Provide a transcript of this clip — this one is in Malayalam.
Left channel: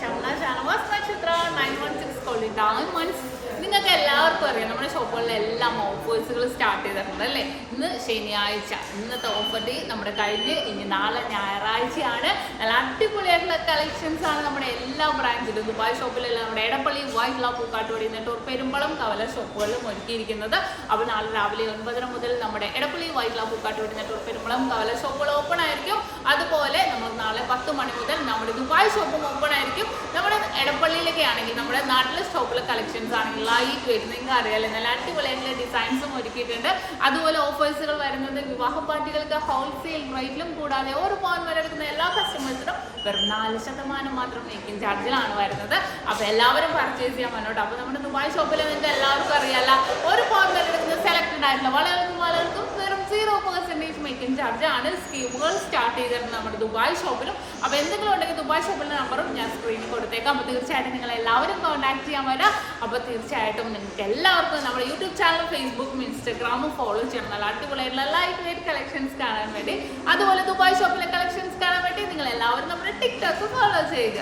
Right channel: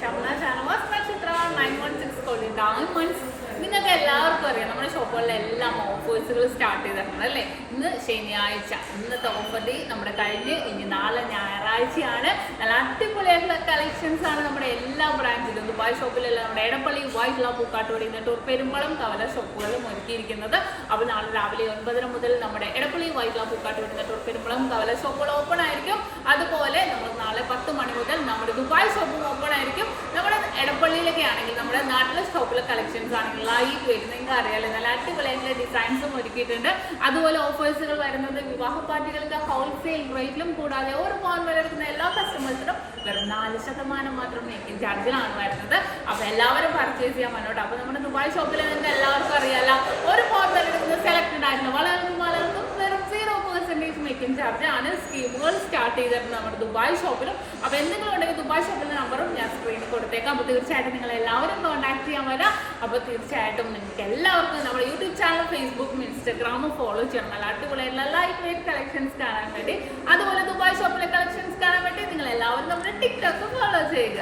SHAMNA channel Nakshathra 916 calling diamonds. നിങ്ങൾക്ക് എല്ലാവർക്കും അറിയാം നമ്മുടെ ഷോപ്പുകളിലെല്ലാം ഓഫേഴ്സുകൾ സ്റ്റാർട്ട് ചെയ്തിട്ടുണ്ട് അല്ലേ. ഇന്ന് ശനിയാഴ്ച, ഇന്നത്തെ ഓഫർ ഡേ നമ്മുടെ കഴിഞ്ഞ് ഇനി നാളെ ഞായറാഴ്ചയാണ്. നല്ല അടിപൊളിയായിട്ടുള്ള കളക്ഷൻസ് ആണ് നമ്മുടെ എല്ലാ ബ്രാൻഡിലും ദുബായ് ഷോപ്പിലെല്ലാം നമ്മുടെ എടപ്പള്ളി വൈറ്റ്ല പൂക്കാട്ടുപടി നെട്ടൂർ പെരുമ്പളം കവല ഷോപ്പുകളിലും ഒരുക്കിയിരിക്കുന്നത്. അപ്പോൾ നാളെ രാവിലെ 9 മുതൽ നമ്മുടെ എടപ്പള്ളി വൈറ്റ്ല പൂക്കാട്ടുപടി നെട്ടൂർ പെരുമ്പളം കവല ഷോപ്പുകൾ ഓപ്പൺ ആയിരിക്കും. അതുപോലെ നമ്മൾ നാളെ 10 മണി മുതൽ നമ്മുടെ ദുബായ് ഷോപ്പും ഓപ്പൺ ആയിരിക്കും. നമ്മുടെ എടപ്പള്ളിയിലൊക്കെ ആണെങ്കിൽ നമ്മുടെ നാട്ടിലെ ഷോപ്പിലെ കളക്ഷൻസ് ആണെങ്കിൽ ലൈറ്റ് വെയിറ്റ് നിങ്ങൾക്ക് അറിയാലോ, നല്ല അടിപൊളിയായിട്ടുള്ള ഡിസൈൻസും ഒരുക്കിയിട്ടുണ്ട്. അതുപോലെ ഓഫേഴ്സുകൾ വരുന്നത് വിവാഹ പാർട്ടികൾക്ക് ഹോൾസെയിൽ റേറ്റിലും കൂടാതെ ഒരു പവൻ വരെ എടുക്കുന്ന എല്ലാ കസ്റ്റമേഴ്സിനും വെറും 4% മാത്രം മേക്കിംഗ് ചാർജിലാണ് വരുന്നത്. അപ്പോൾ എല്ലാവരും പർച്ചേസ് ചെയ്യാൻ വേണ്ടോട്ടോ. അപ്പോൾ നമ്മുടെ ദുബായ് ഷോപ്പിൽ നിങ്ങൾക്ക് എല്ലാവർക്കും അറിയാമല്ല, ഒരു പവൻ വരെ എടുക്കുന്ന സെലക്റ്റഡ് ആയിട്ടുള്ള വളർന്നും വെറും 0% മേക്കിംഗ് ചാർജ് ആണ്. സ്കീമുകൾ സ്റ്റാർട്ട് ചെയ്തിട്ടുണ്ട് നമ്മുടെ ദുബായ് ഷോപ്പിലും. അപ്പോൾ എന്തെങ്കിലും ഉണ്ടെങ്കിൽ ദുബായ് ഷോപ്പിലെ നമ്പറും ഞാൻ സ്ക്രീനിൽ കൊടുത്തേക്കാം. അപ്പോൾ തീർച്ചയായിട്ടും നിങ്ങൾ എല്ലാവരും കോൺടാക്ട് ചെയ്യാൻ വരാം. അപ്പോൾ തീർച്ചയായിട്ടും നിങ്ങൾക്ക് എല്ലാവർക്കും നമ്മുടെ യൂട്യൂബ് ചാനൽ, ഫേസ്ബുക്കും ഇൻസ്റ്റാഗ്രാമും ഫോളോ ചെയ്യണം. നല്ല അടിപൊളിയായിട്ടുള്ള ലൈറ്റ് വെയിറ്റ് കളക്ഷൻസ് കാണാൻ വേണ്ടി, അതുപോലെ ദുബായ് ഷോപ്പിലെ കളക്ഷൻസ് കാണാൻ വേണ്ടി നിങ്ങൾ എല്ലാവരും നമ്മുടെ ടിക്ടോക്ക് ഫോളോ ചെയ്യുക.